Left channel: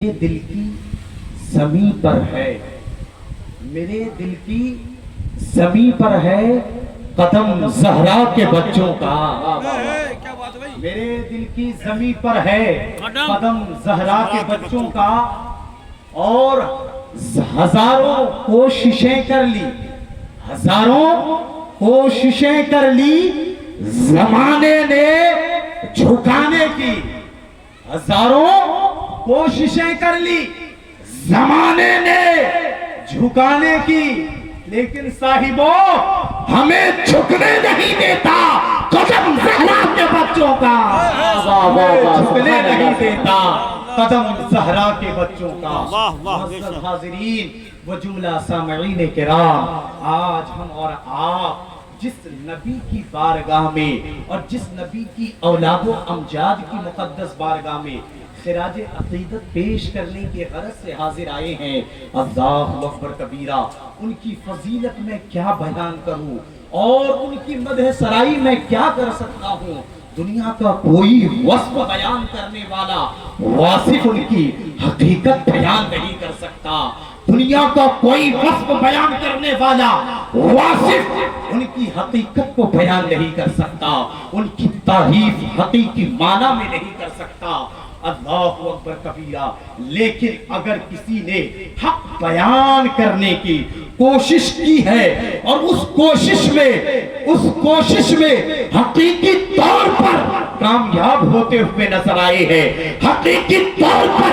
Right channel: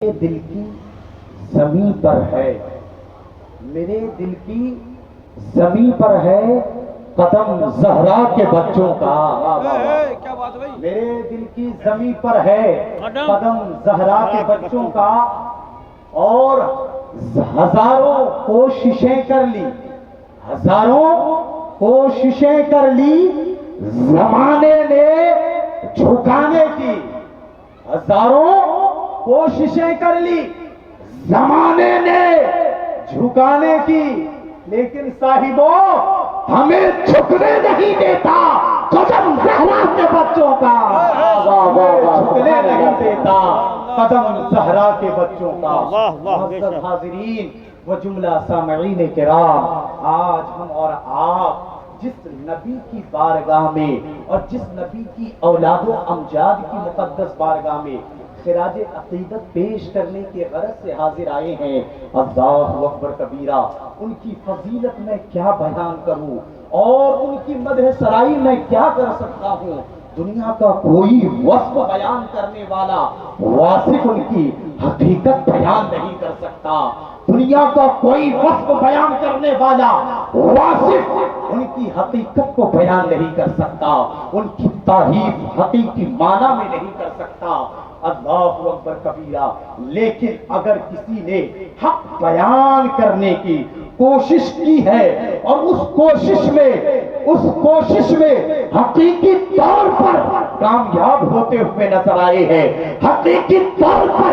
دل کی زمین پر ہے، میرے دل کی زمین پر ہے قدم زہرا کے بچوں کا، میرے دل کی زمین پر ہے قدم زہرا کے بچوں کا، اور ہزاروں کوششیں کر لی، ہزاروں کوششیں کر لی زمانے نے جھکانے کی، ہزاروں کوششیں کر لی زمانے نے جھکانے کی، لیکن صاحبوں ہمیں جھکنے نہیں دیتا قدم زہرا کے بچوں کا، جھکنے نہیں دیتا قدم زہرا کے بچوں کا۔ معزز حاضرین و جملہ سامعین کرام، آج ہم اور آپ جس نبی کی بارگاہ میں اور جس نبی کی اولاد و امجاد کی مقدس بارگاہ میں خراج عقیدت پیش کرنے کے غرض سے حاضر آئے ہیں، اللہ اکبر کبیرہ، ان کی فضیلت میں کیا بیان کروں اور ان کی مدح سرائی میں کیا کر سکتا ہوں۔ دنیا کا کوئی وصف بیان کرنے والا واصف ان کی حقیقت بیان نہیں کر سکتا، دنیا کا کوئی وصف بیان کرنے والا واصف ان کی حقیقت کو بیان نہیں کر سکتا، ان کی تعریف حقیقی معنی میں نہیں کر سکتا۔ اللہ اکبر کبیرہ، لیکن اگر کسی نے حق بیان کرنے کی کوشش کی ہے اور اس کوشش میں حقیقی طور پر کامیاب ہوتے ہوئے نظر آئے ہیں، حقیقی طور پر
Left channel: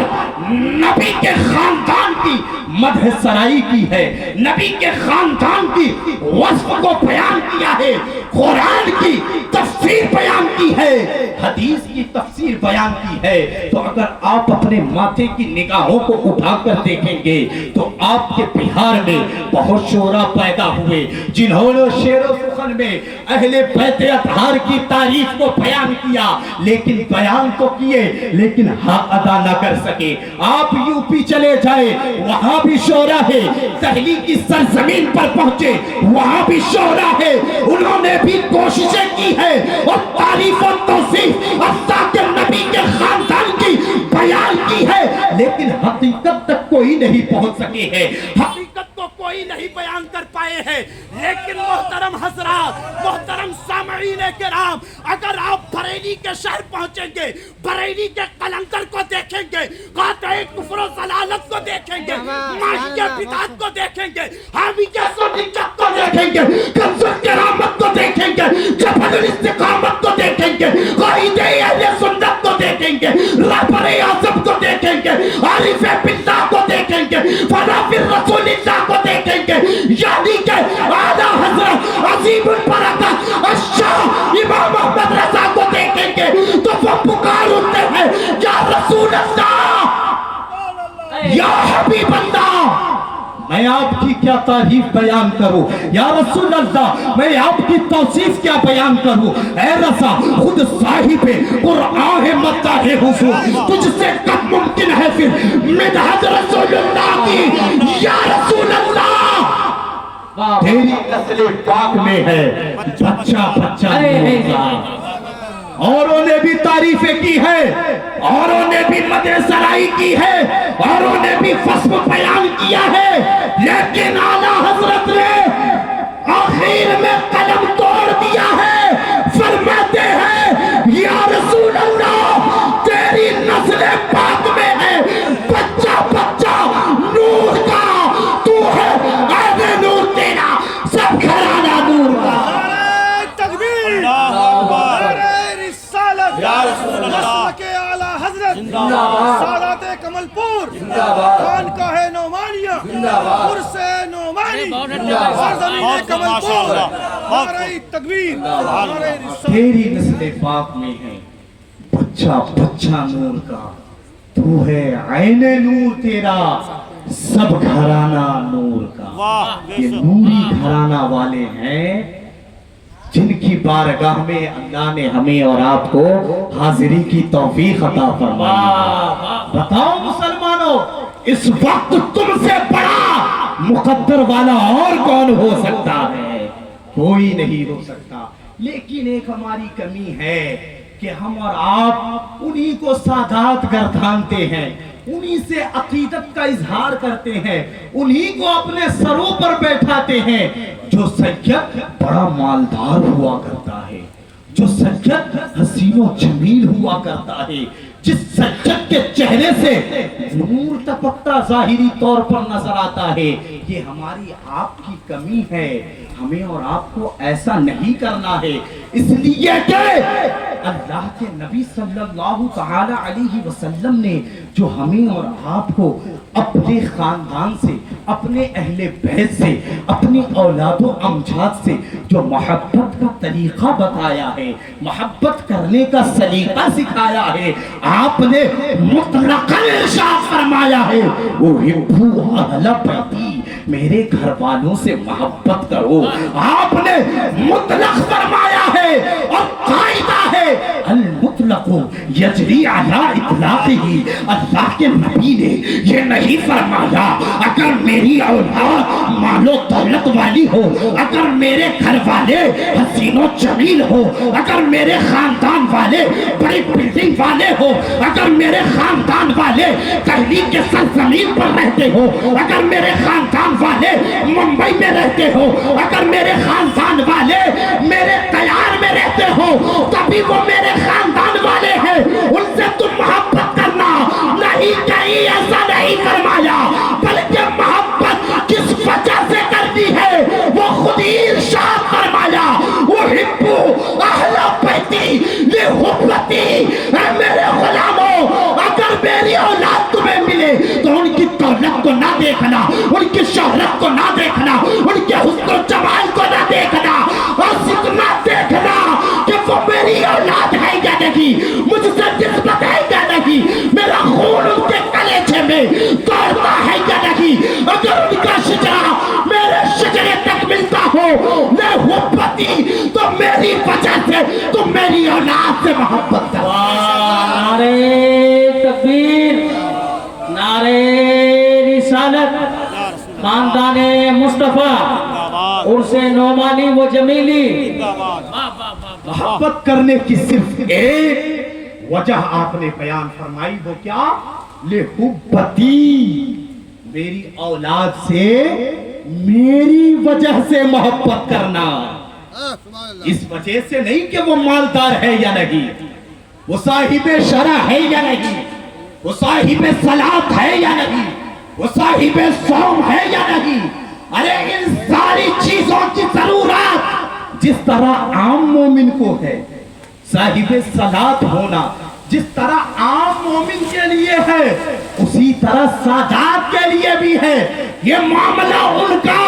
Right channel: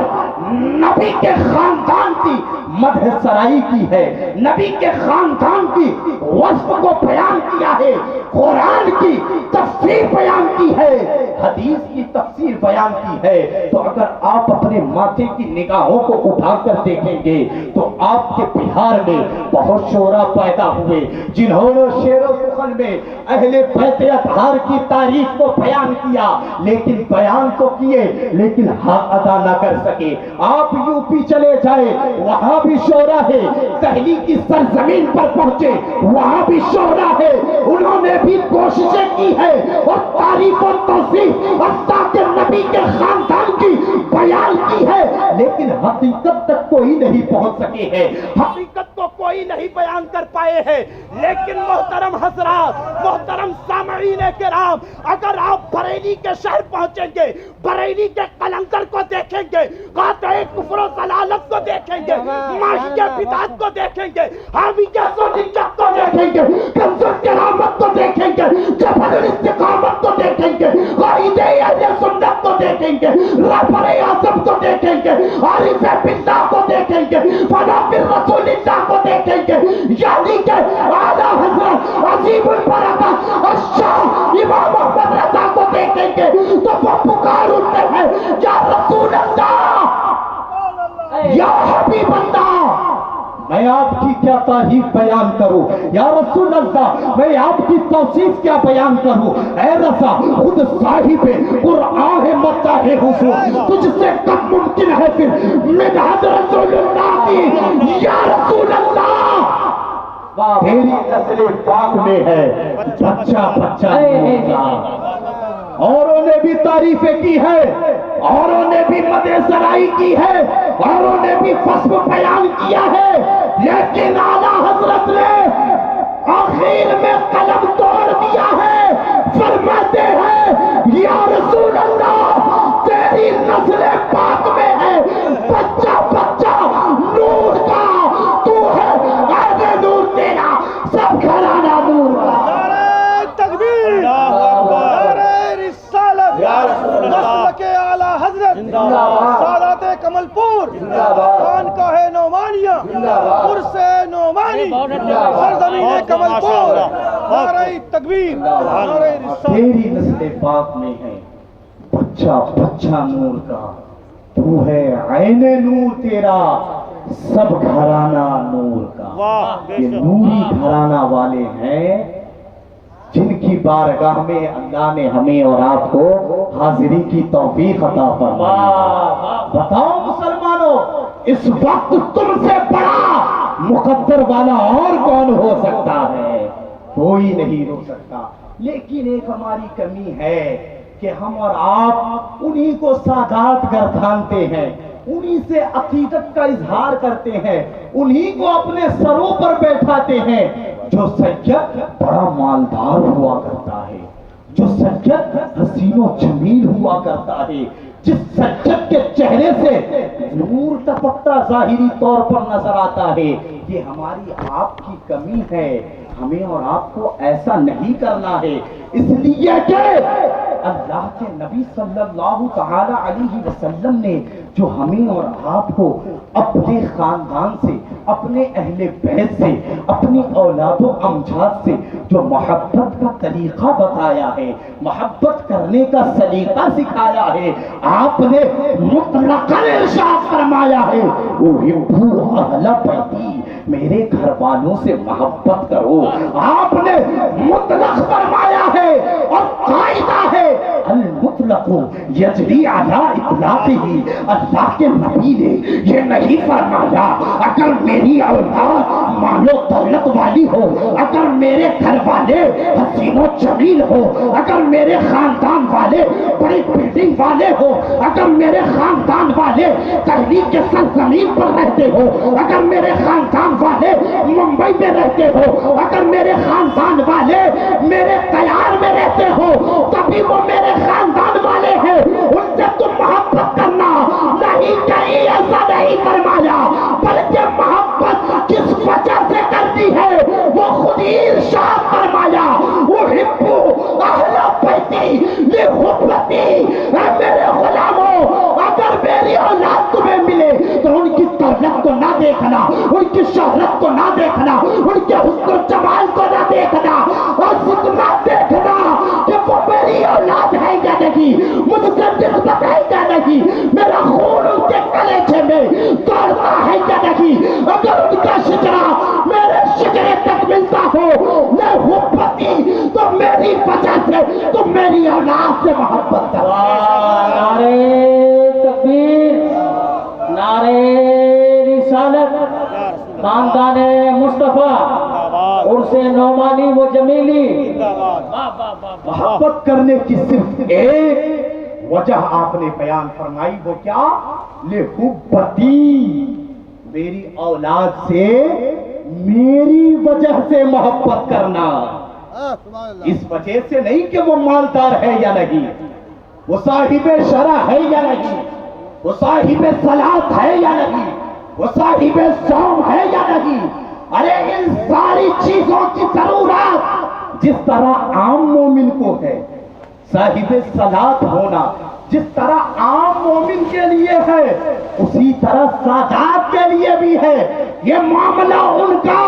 نبی کے خاندان کی مدح سرائی کی ہے، نبی کے خاندان کی وصف کو بیان کیا ہے، قرآن کی تفسیر بیان کی ہے، حدیث کی تفسیر بیان کی ہے، تو اگر آپ اپنے ماتھے کی نگاہوں کو اٹھا کر دیکھیں گے تو آپ کے بہار میں بہت شعراء پیدا ہوئے جنہوں نے شعر و سخن میں اہل بیت اطہار کی تعریف کو بیان کیا، لیکن بیان تو کیے لیکن حق ادا نہ کر سکے۔ آپ یو پی چلے جائے، وہاں بھی شعراء ہے، دہلی کی سرزمین پر پہنچے وہاں بھی شعراء ہے، انہوں نے بھی کوششیں کی ہے اور تعریف و توصیف اللہ کے نبی کے خاندان کی بیان کی ہے، لیکن حقیقت تک کوئی نہیں پہنچ سکے ہیں، حقیقت کو کوئی نہیں بیان کر پائے ہیں۔ لیکن محترم حضرات، محترم سامعین کرام، اگر آپ بریلی کے شہر پہنچیں گے، بریلی کے قلندر کو دیکھیں گے، قاطع کفر و ضلالت کو دیکھیں گے، ماہیہ بدعت کو دیکھیں گے، حامیہ سنیت کو دیکھیں گے، کنز کرامت کو دیکھیں گے، جبل الاستقامت کو دیکھیں گے، قائد اہل سنت کو دیکھیں گے، رہبر اعظم کو دیکھیں گے، عارف باللہ کو دیکھیں گے، فنافر رسول اللہ کو دیکھیں گے، یعنی کہ اعلیٰ حضرت عظیم البرکہ الشاہ امام احمد رضا کو دیکھیں گے تو وہ پکار اٹھتے ہیں، یا رسول اللہ، یا حبیب اللہ، میں آپ کی کیا تعریف بیان کروں، یا رسول اللہ میں آپ کی توصیف کیا بیان کروں، اے رضا خود صاحب قرآن ہے مداح حضور، تجھ سے کب ممکن ہے پھر مدحت رسول اللہ کی، یا رسول اللہ تیری نسل پاک میں ہے بچہ بچہ اوروں نے بھی تعریفیں کی ہے، اوروں نے بھی مدح سرائی کی ہے، اوروں نے بھی فصل بیان کیا ہے، لیکن اعلیٰ حضرت نے آخر میں قلم توڑ دیا ہے، فرماتے ہیں یا رسول اللہ تیری نسل پاک میں ہے بچہ بچہ نور کا، تو ہے اہل نور، تیرا سب گھرانہ نور کا۔ سادات کمل پور، خانقاہ نعمانیہ، عرس نعمانی، سرزمین کمل پور، نعرہ تکبیر، نعرہ رسالت۔ تیری نسل پاک میں ہے بچہ بچہ نور کا، تو ہے عین نور، تیرا سب گھرانہ نور کا۔ یہ نوری گھرانہ والے ہیں جن کی بارگاہ میں اللہ نے ہمیں اور آپ کو حاضری کی توفیق عطا فرمائی۔ بتاؤ مسلمانوں، اس وقت تم سے بڑا مقدر والا اور کون ہو سکتا ہے؟ کوئی نہیں ہو سکتا، لیکن ایک ہماری کمی ہے کہ ہم اور آپ انہی کو سادات گردانتے ہیں، انہی سے عقیدت کا اظہار کرتے ہیں، انہی کو اپنے سروں پر بیٹھاتے ہیں۔ جو سید بڑا مالدار ہوا کرتا ہے، جو سید حسین و جمیل ہوا کرتا ہے، جس سید کے چہرے سے نور ٹپکتا ظاہری طور پر نظر آتا ہے، یہ ہماری آپ کی کمی ہے۔ ہمیں اور آپ کو ایسا نہیں کرنا ہے، اس لیے کہ اللہ کے نبی صلی اللہ تعالی علیہ وسلم نے جو ہمیں اور آپ کو اپنے خاندان سے، اپنے اہل بیت سے، اپنی اولاد و امجاد سے جو محبت کا طریقہ بتایا ہے، محبت کرنے کا سلیقہ سکھایا ہے، آپ نے مطلقاً ارشاد فرمایا ہے احبوا اہل بیتی، میرے گھر والوں سے محبت کرو۔ آپ نے مطلق فرمایا ہے اور قاعدہ ہے المطلق یجری علی اطلاقہ۔ اللہ کے نبی نے یہ نہیں فرمایا اگر میری اولاد مال و دولت والی ہو، اگر میرے گھر والے حسین و جمیل ہو، اگر میرے خاندان والے بڑی بلڈنگ والے ہو، اگر میرے خاندان والے دہلی کے سرزمین پر رہتے ہو، اگر میرے خاندان والے ممبئی میں رہتے ہو، اگر میرے خاندان والے میرے تیار میں رہتے ہو، تبھی وہ میرے خاندان والے ہیں، ان سے تم محبت کرنا۔ نہیں کہیں ایسا نہیں فرمایا، بلکہ محبت کس وجہ سے کرنی ہے وہ خود ہی ارشاد فرمایا احبوا اہل بیتی لحبتی۔ اے میرے غلاموں، اگر میری اولاد تمہیں ملے تو ان کی دولت کو نہ دیکھنا، ان کی شہرت کو نہ دیکھنا، ان کے حسن و جمال کو نہ دیکھنا، اور اتنا دیکھنا کہ وہ میری اولاد ہے یا نہیں، مجھ سے نسبت ہے یا نہیں، میرا خون ان کے کلیجے میں دوڑتا ہے یا نہیں۔ اگر ان کا شجرہ میرے شجرے تک ملتا ہو لحبتی، تو میری وجہ سے تم میری اولاد سے محبت کرو۔ نعرہ تکبیر، نعرہ رسالت، خاندان مصطفیٰ، عرس نعمانی و جمیلی۔ محبت کرنے کی صرف ایک وجہ آپ نے بیان فرمائی، وہ کیا؟ لحبتی، میری اولاد سے میری وجہ سے محبت کرنا، اس وجہ سے نہیں کہ وہ مالدار ہے یا نہیں، وہ صاحب شرع ہے یا نہیں، وہ صاحب صلاۃ ہے یا نہیں، وہ صاحب صوم ہے یا نہیں۔ ارے ان ساری چیزوں کی ضرورت جس طرح عام مومن کو ہے، صاحب صلاۃ ہونا جس طرح عام مومن کے لیے ہے، اسی طرح سادات کے لیے بھی ہے۔ یہ معاملہ ان کا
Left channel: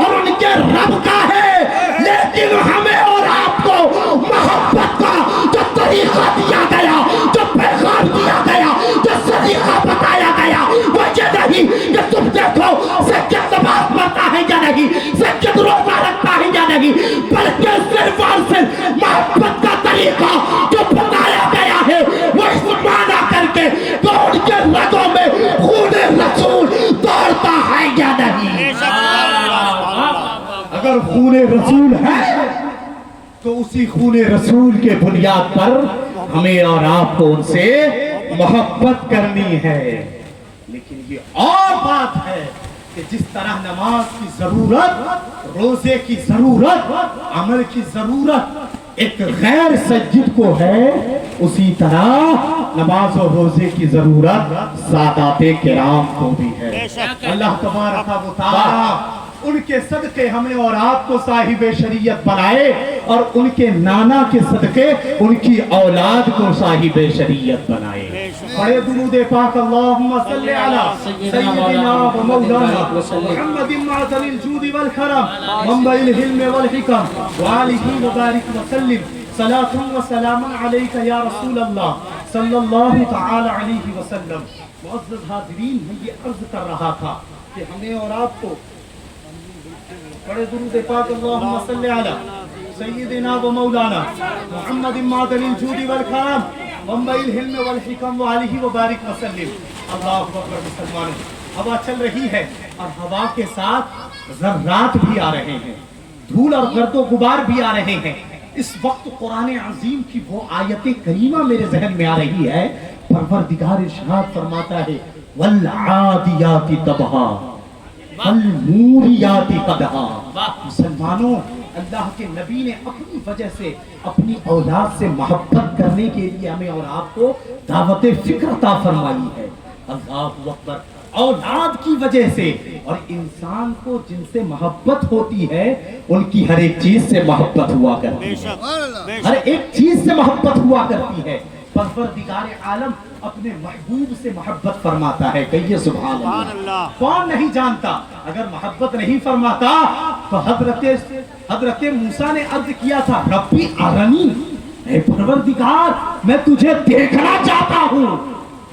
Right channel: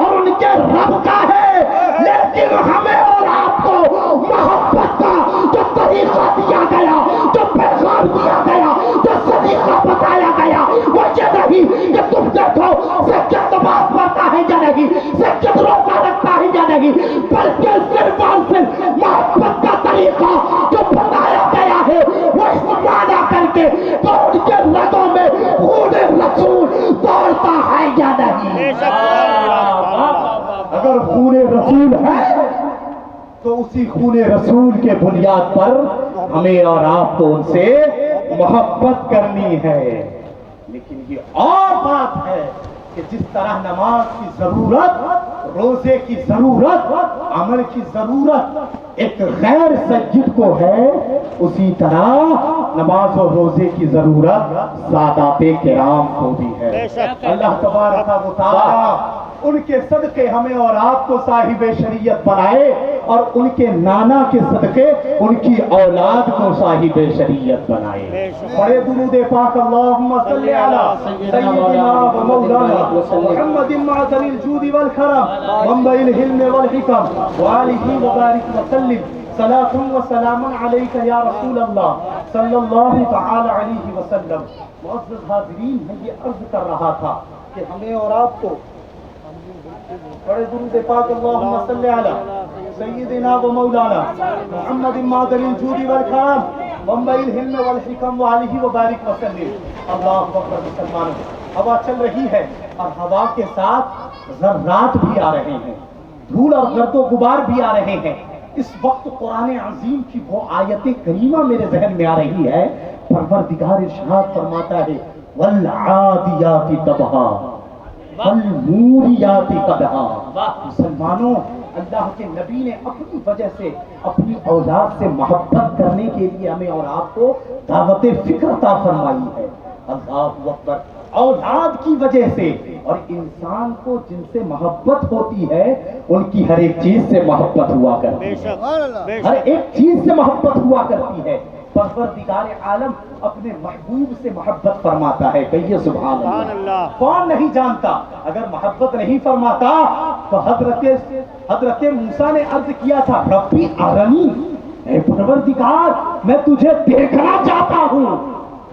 اور ان کے رب کا ہے، لیکن ہمیں اور آپ کو محبت کا جو طریقہ دیا گیا، جو پیغام دیا گیا، جو طریقہ بتایا گیا، وہ یہ نہیں کہ تم دیکھو سجد نماز پڑھتا ہے یا نہیں، سجد روزہ رکھتا ہے یا نہیں، بلکہ صرف اور صرف محبت کا طریقہ جو بتایا گیا ہے وہ اس معنی کر کے تو ان کے رگوں میں خون رسول دوڑتا ہے یا نہیں۔ اگر خون رسول ہے تو اسی خون رسول کے بنیاد پر ہمیں اور آپ کو ان سے محبت کرنی ہے۔ لیکن یہ اور بات ہے کہ جس طرح نماز کی ضرورت، روزے کی ضرورت، عمل کی ضرورت ایک غیر سجد کو ہے، اسی طرح نماز اور روزے کی ضرورت سادات کرام کو بھی ہے۔ اللہ تبارک و تعالی ان کے صدقے ہمیں اور آپ کو صاحب شریعت بنائے، اور ان کے نانا کے صدقے ان کی اولاد کو صاحب شریعت بنائے۔ بڑے درود پاک اللہم صلی علی سیدنا و مولانا محمد معدن الجود والکرم منبع الحلم والحکم وآلہ وبارک وسلم۔ صلاة و سلام علیک یا رسول اللہ صلی اللہ تعالی علیہ وسلم۔ معزز حاضرین، میں یہ عرض کر رہا تھا کہ ہمیں اور آپ کو بڑے درود پاک اللہم صلی علی سیدنا و مولانا محمد معدن الجود والکرم منبع الحلم والحکم وآلہ وبارک وسلم۔ اللہ اکبر مسلمان، ہوا چل رہی ہے اور ہوا کے ساتھ ذرات بھی آ رہے ہیں، دھول اور گرد و غبار بھی آ رہے ہیں۔ اس وقت قرآن عظیم کی وہ آیت کریمہ میرے ذہن میں آ رہی ہے، پروردگار ارشاد فرماتا ہے والعادیات ضبحا والموریات قدحا. مسلمانوں، اللہ کے نبی نے اپنی وجہ سے اپنی اولاد سے محبت کرنے کے لیے ہمیں اور آپ کو دعوت فکر عطا فرمائی ہے. اللہ اکبر. اولاد کی وجہ سے، اور انسان کو جن سے محبت ہوتی ہے ان کی ہر ایک چیز سے محبت ہوا کرتی ہے، ہر ایک چیز سے محبت ہوا کرتی ہے. پروردگار عالم اپنے محبوب سے محبت فرماتا ہے. کہیے سبحان اللہ. کون نہیں جانتا؟ اگر محبت نہیں فرماتا تو حضرت موسیٰ نے عرض کیا تھا ربی ارنی، اے پروردگار میں تجھے دیکھنا چاہتا ہوں.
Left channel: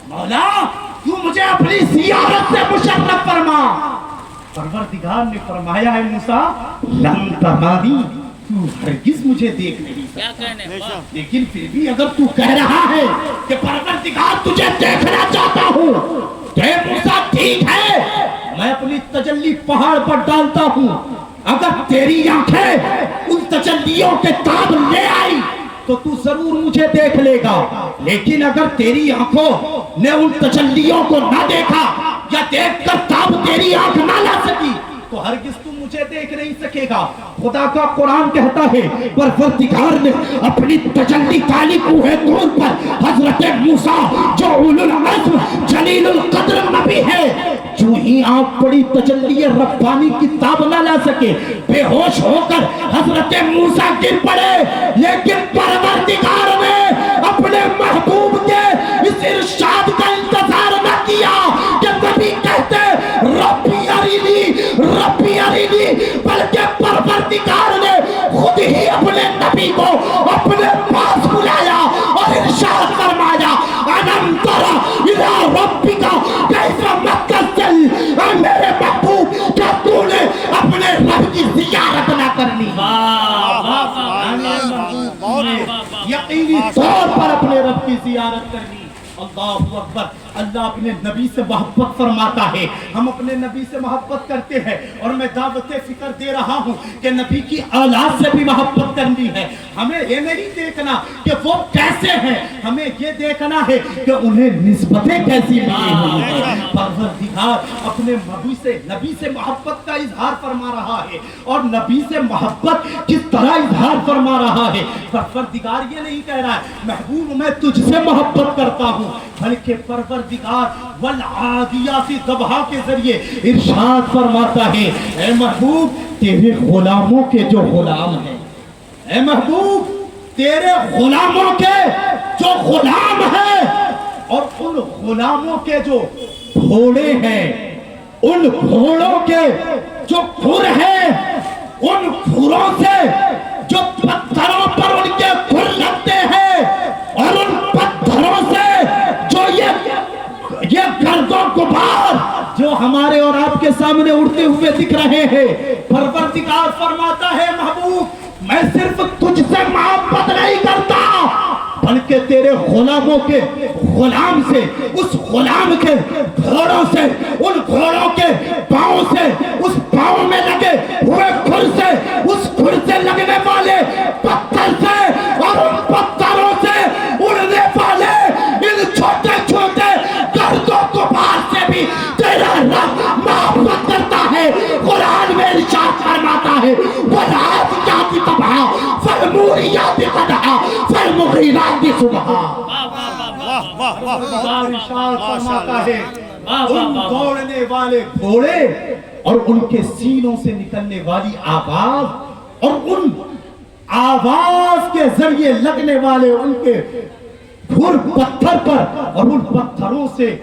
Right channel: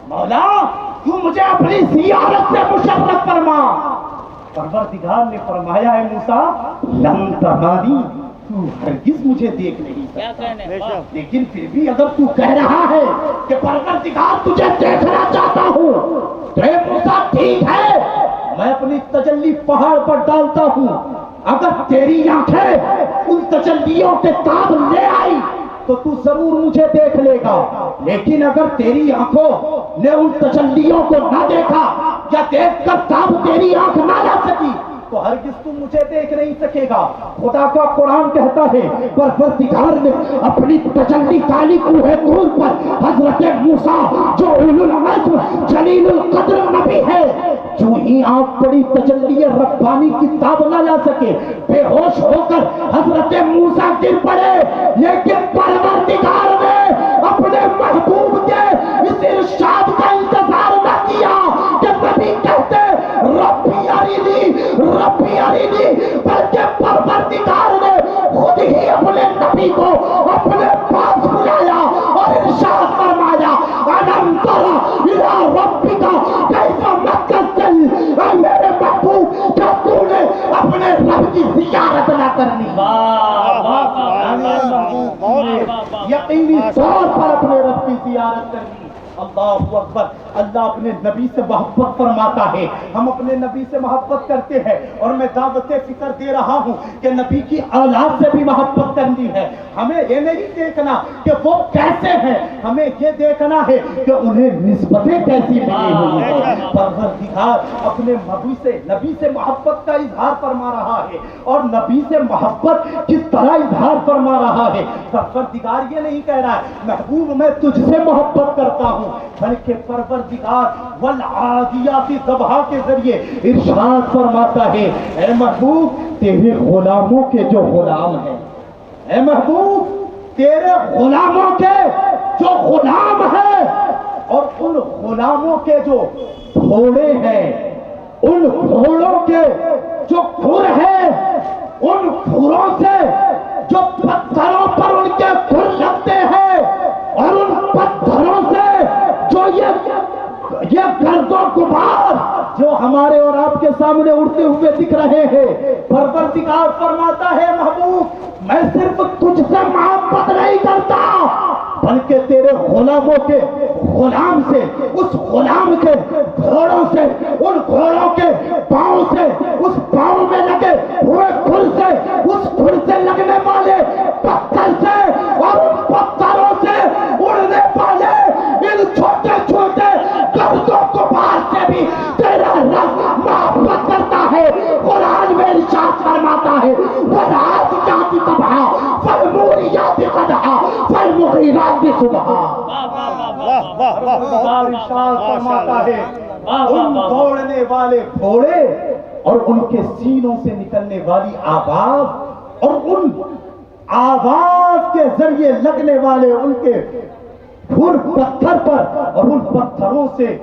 مولا تو مجھے اپنی زیارت سے مشرف فرما. پروردگار نے فرمایا ہے موسیٰ لن ترانی، تو ہرگز مجھے دیکھ نہیں سکتا. لیکن پھر بھی اگر تو کہہ رہا ہے کہ پروردگار تجھے دیکھنا چاہتا ہوں تو اے موسیٰ ٹھیک ہے، میں اپنی تجلی پہاڑ پر ڈالتا ہوں. اگر تیری آنکھیں ان تجلیوں کے تاب لے آئی تو تو ضرور مجھے دیکھ لے گا. لیکن اگر تیری آنکھوں نے ان تجلیوں کو نہ دیکھا یا دیکھ کر تاب تیری آنکھ نہ لا سکی تو ہرگز تم مجھے دیکھ نہیں سکے گا. خدا کا قرآن کہتا ہے پروردگار نے اپنی تجلی کالی کوہ طور پر حضرت موسیٰ جو اولو العزم جلیل القدر نبی ہے، جو ہی آپ بڑی تجلی ربانی کی تاب نہ لا سکے، بے ہوش ہو کر حضرت موسیٰ گر پڑے. لیکن پروردگار نے اپنے محبوب کے اس ارشاد کا انتظار نہ کیا کہ نبی کہتے ربی ارینی ربی ارینی، بلکہ پروردگار نے خود ہی اپنے نبی کو اپنے پاس بلایا اور ارشاد فرمایا الم تر الی ربک کیف مکثل. اے میرے محبوب کیا تو نے اپنے رب کی زیارت نہ کرنی؟ یقینی طور پر اپنے رب کی زیارت کرنی. اللہ اکبر. اللہ اپنے نبی سے محبت فرماتا ہے، ہم اپنے نبی سے محبت کرتے ہیں. اور میں دعوت فکر دے رہا ہوں کہ نبی کی اولاد سے بھی محبت کرنی ہے. ہمیں یہ نہیں دیکھنا کہ وہ کیسے ہیں، ہمیں یہ دیکھنا ہے کہ انہیں نسبتیں کیسی ملی ہوئی ہیں. پروردگار اپنے نبی سے محبت کا اظہار فرما رہا ہے، اور نبی سے محبت کس طرح اظہار فرما رہا ہے. پروردگار یہ نہیں کہہ رہا ہے محبوب میں تجھ سے محبت کرتا ہوں، بلکہ پروردگار والعادیات ضبحا کے ذریعے ارشاد فرماتا ہے اے محبوب تیرے غلاموں کے جو غلام ہیں، اے محبوب تیرے غلاموں کے جو غلام ہیں، اور ان غلاموں کے جو گھوڑے ہیں، ان گھوڑوں کے جو کھر ہیں، ان کھروں سے جو پتھروں پر ان کے کھر لگتے ہیں، اور ان پتھروں سے جو یہ گرد و غبار جو ہمارے اور آپ کے سامنے اڑتے ہوئے دکھ رہے ہیں، پروردگار فرماتا ہے محبوب میں صرف تجھ سے محبت نہیں کرتا بلکہ تیرے غلاموں کے غلام سے، اس غلام کے گھوڑوں سے، ان گھوڑوں کے پاؤں سے، اس پاؤں میں لگے ہوئے کھر سے، اس کھر سے لگنے والے پتھر سے، اور ان پتھروں سے اڑنے والے ان چھوٹے چھوٹے گرد و غبار سے بھی تیرا رب محبت کرتا ہے. قرآن میں ارشاد فرماتا ہے والعادیات ضبحا فالموریات قدحا فالمغیرات صبحا. ارشاد فرماتا ہے ان دوڑنے والے گھوڑے اور ان کے سینوں سے نکلنے والی آواز، اور ان آواز کے ذریعے لگنے والے ان کے کھر پتھر پر، اور ان پتھروں سے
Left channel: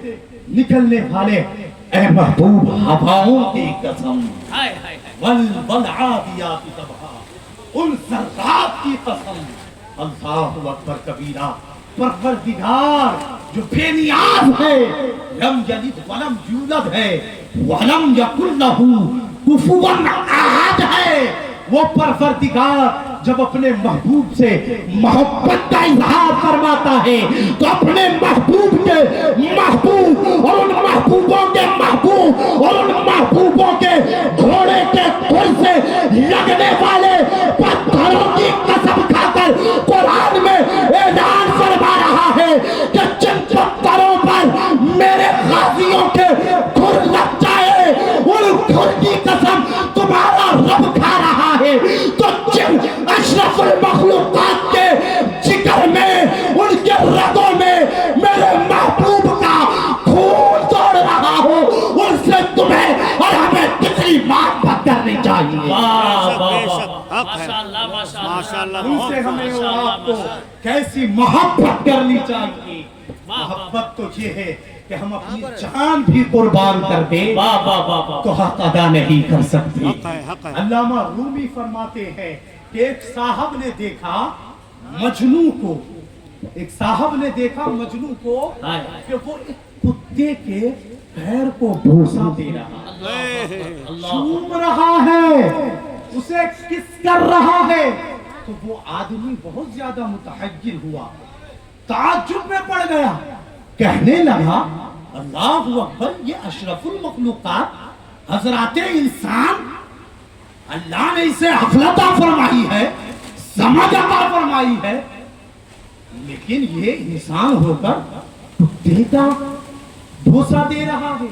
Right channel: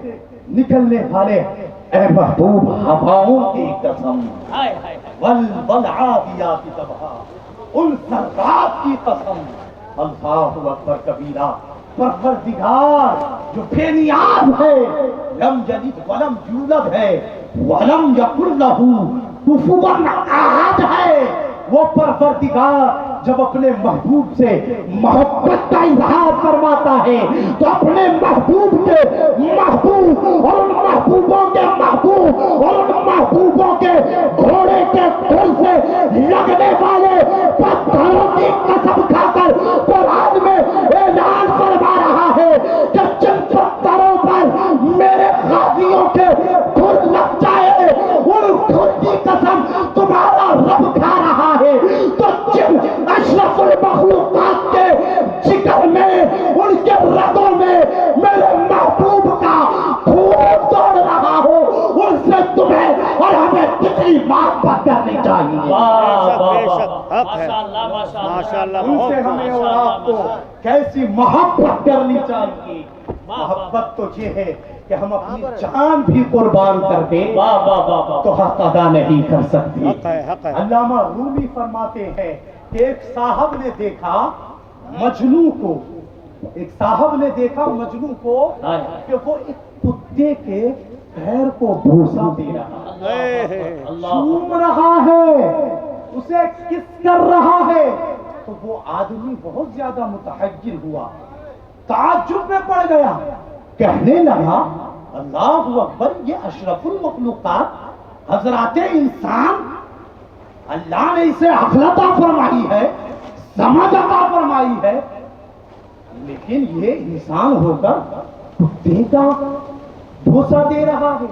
نکلنے والے اے محبوب ہواؤں کی قسم والعادیات ضبحا، ان ذرات کی قسم. اللہ اکبر کبیرہ. پروردگار جو بے نیاز ہے، لم یلد ولم یولد ہے، ولم یکن لہ کفوا احد ہے، وہ پروردگار جب اپنے محبوب سے محبت کا اظہار فرماتا ہے تو اپنے محبوب کے محبوب اور ان محبوبوں کے محبوب اور ان محبوبوں کے گھوڑے کے کھر سے لگنے والے پتھروں کی قسم کھا کر قرآن میں اعلان فرما رہا ہے کہ جن پتھروں پر میرے غازیوں کے ان سے ہمیں اور آپ کو کیسی محبت کرنی چاہیے. محبت تو یہ ہے کہ ہم اپنی جان بھی قربان کر دیں تو حق ادا نہیں کر سکتے. علامہ رومی فرماتے ہیں کہ ایک صاحب نے دیکھا مجنوں کو کہ وہ ایک کتے کے پیر کو بوسا دے رہا ہے, چوم رہا ہے, اسے کس کر رہا ہے. تو وہ آدمی بہت زیادہ متحیر ہوا, تعجب میں پڑ گیا, کہنے لگا اللہ اکبر, یہ اشرف المخلوقات حضرات انسان, اللہ نے اسے عقل عطا فرمائی ہے, سمجھ عطا فرمائی ہے, لیکن یہ انسان ہو کر کتے کا بوسا دے رہا ہے,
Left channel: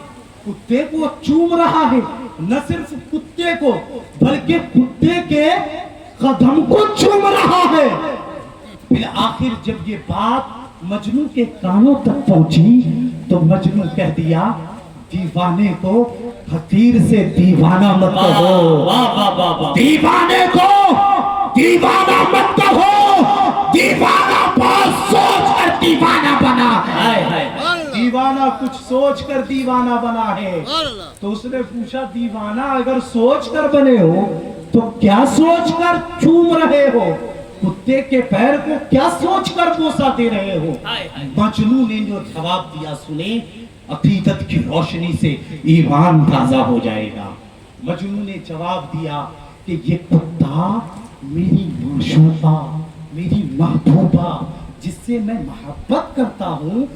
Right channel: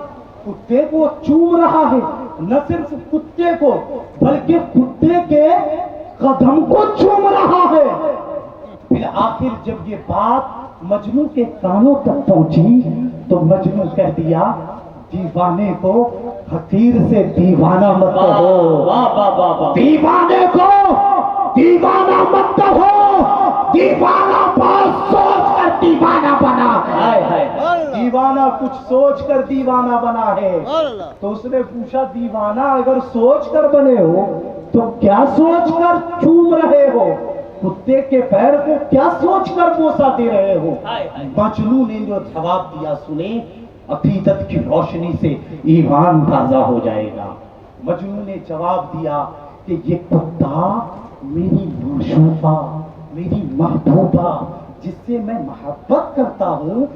کتے کو چوم رہا ہے. نہ صرف کتے کو بلکہ کتے کے قدم کو چوم رہا ہے. پھر آخر جب یہ بات مجنوں کے کانوں تک پہنچی تو مجنوں کہہ دیا دیوانے کو فقیر سے دیوانہ مت کہو, دیوانے کو دیوانہ مت کہو, دیوانہ بہت سوچ کر دیوانہ بنا ہے. دیوانہ کچھ سوچ کر دیوانہ بنا ہے. تو اس نے پوچھا دیوانہ اگر سوچ کر بنے ہو تو کیا سوچ کر چوم رہے ہو, کتے کے پیر کو کیا سوچ کر بوسا دے رہے ہو. مجنوں نے جو جواب دیا سنے, عقیدت کی روشنی سے ایمان تازہ ہو جائے گا. مجنوں نے جواب دیا کہ یہ کتا میری معشوقہ, میری محبوبہ, جس سے میں محبت کرتا ہوں,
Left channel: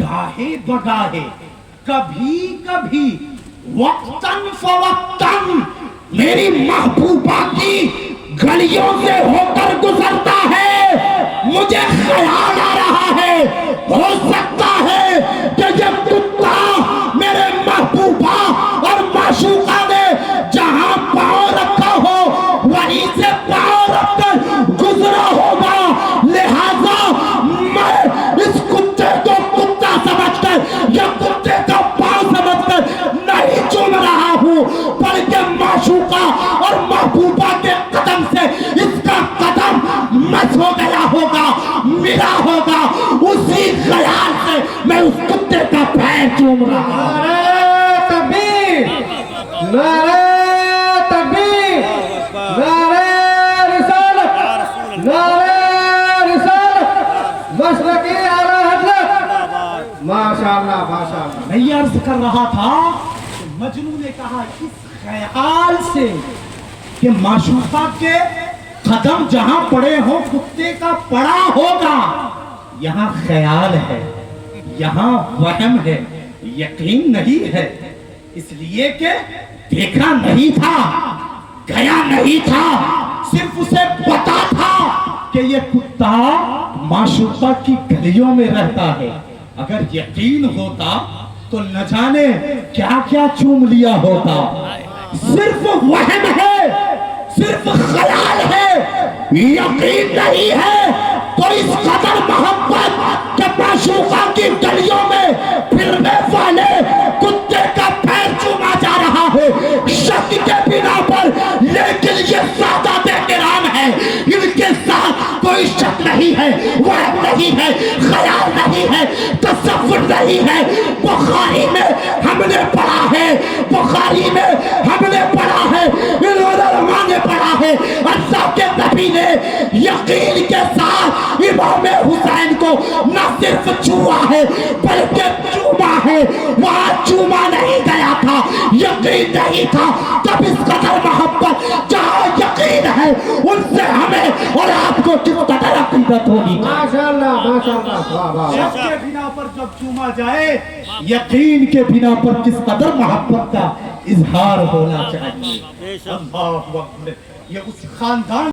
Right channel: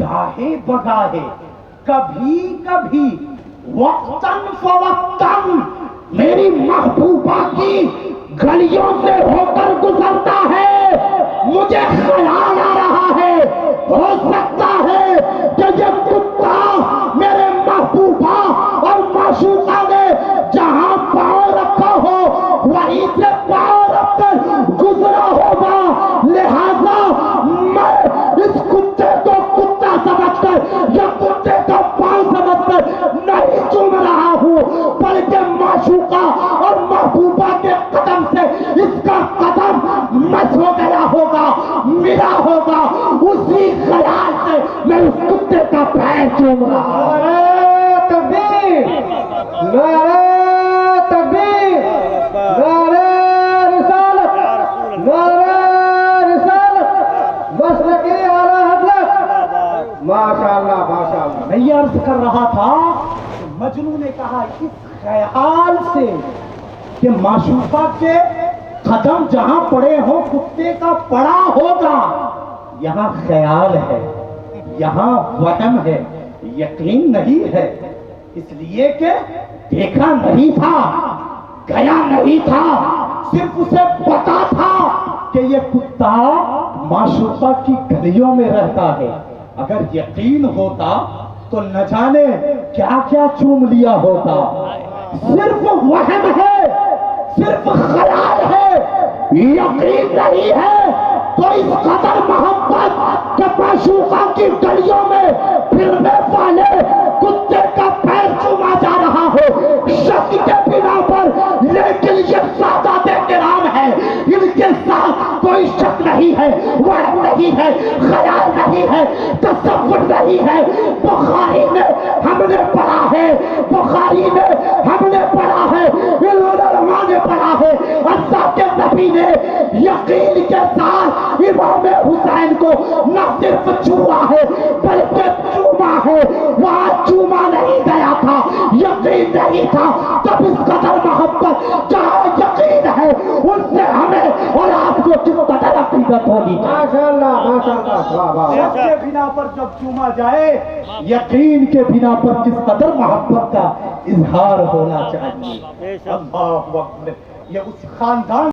گاہے بگاہے, کبھی کبھی, وقتاً فوقتاً میری محبوبہ کی گلیوں سے ہو کر گزرتا ہے. مجھے خیال آ رہا ہے, ہو سکتا ہے کہ یہ کتا میرے محبوبہ اور معشوقہ نے جہاں پاؤں رکھا ہو وہیں سے پاؤں رکھ کر گزرا ہوگا. لہذا میں اس کتے کو کتا سمجھ کر یا کتے کا پاؤں سمجھ کر نہیں چوم رہا ہوں, بلکہ معشوقہ اور محبوبہ کے قدم سے اس کا قدم مس ہو گیا ہوگا, ملا ہوگا. اسی خیال سے میں اس کتے کا پیر چوم رہا ہوں. نعرہ تکبیر, نعرہ تکبیر, نعرہ رسالت, نعرہ رسالت, مسلک اعلیٰ حضرت. ماشاءاللہ ماشاءاللہ. میں یہ عرض کر رہا تھا, مجنوں نے کہا اس خیال سے کہ معشوقہ کے قدم جہاں پڑے ہوں کتے کا پڑا ہوگا. یہاں خیال ہے, یہاں وہم ہے, یقین نہیں ہے, اس لیے کہ دیکھا نہیں تھا, گیا نہیں تھا, صرف اسے پتا تھا کہ یہ کتا معشوقہ کی گلیوں میں رہتا ہے. اگر یقین ہوتا تو نہ جانے کیا کیا چوم لیا ہوتا. صرف وہم ہے, صرف خیال ہے, یقین نہیں ہے. تو اس قدر محبت کہ معشوقہ کی گلیوں میں پھرنے والے کتے کا پیر چوما جا رہا ہو شک کے بنا پر. لیکن یہ سادات کرام ہے, ان کے ساتھ کوئی شک نہیں ہے, وہم نہیں ہے, خیال نہیں ہے, تصور نہیں ہے. بخاری میں ہم نے پڑھا ہے, بخاری میں ہم نے پڑھا ہے, علماء نے پڑھا ہے, اللہ کے نبی نے یقین کے ساتھ امام حسین کو نہ صرف چھوا ہے بلکہ چوما ہے. وہاں چوما نہیں گیا تھا, یقین نہیں تھا. تب اس قدر محبت, جہاں یقین ہے ان سے ہمیں اور آپ کو کس قدر عقیدت ہوگی. ماشاءاللہ ماشاءاللہ. واہ واہ. شک کے بنا پر جب چوما جائے, یقین کے بنا پر کس قدر محبت کا اظہار ہونا چاہیے. اللہ اکبر. یہ اس خاندان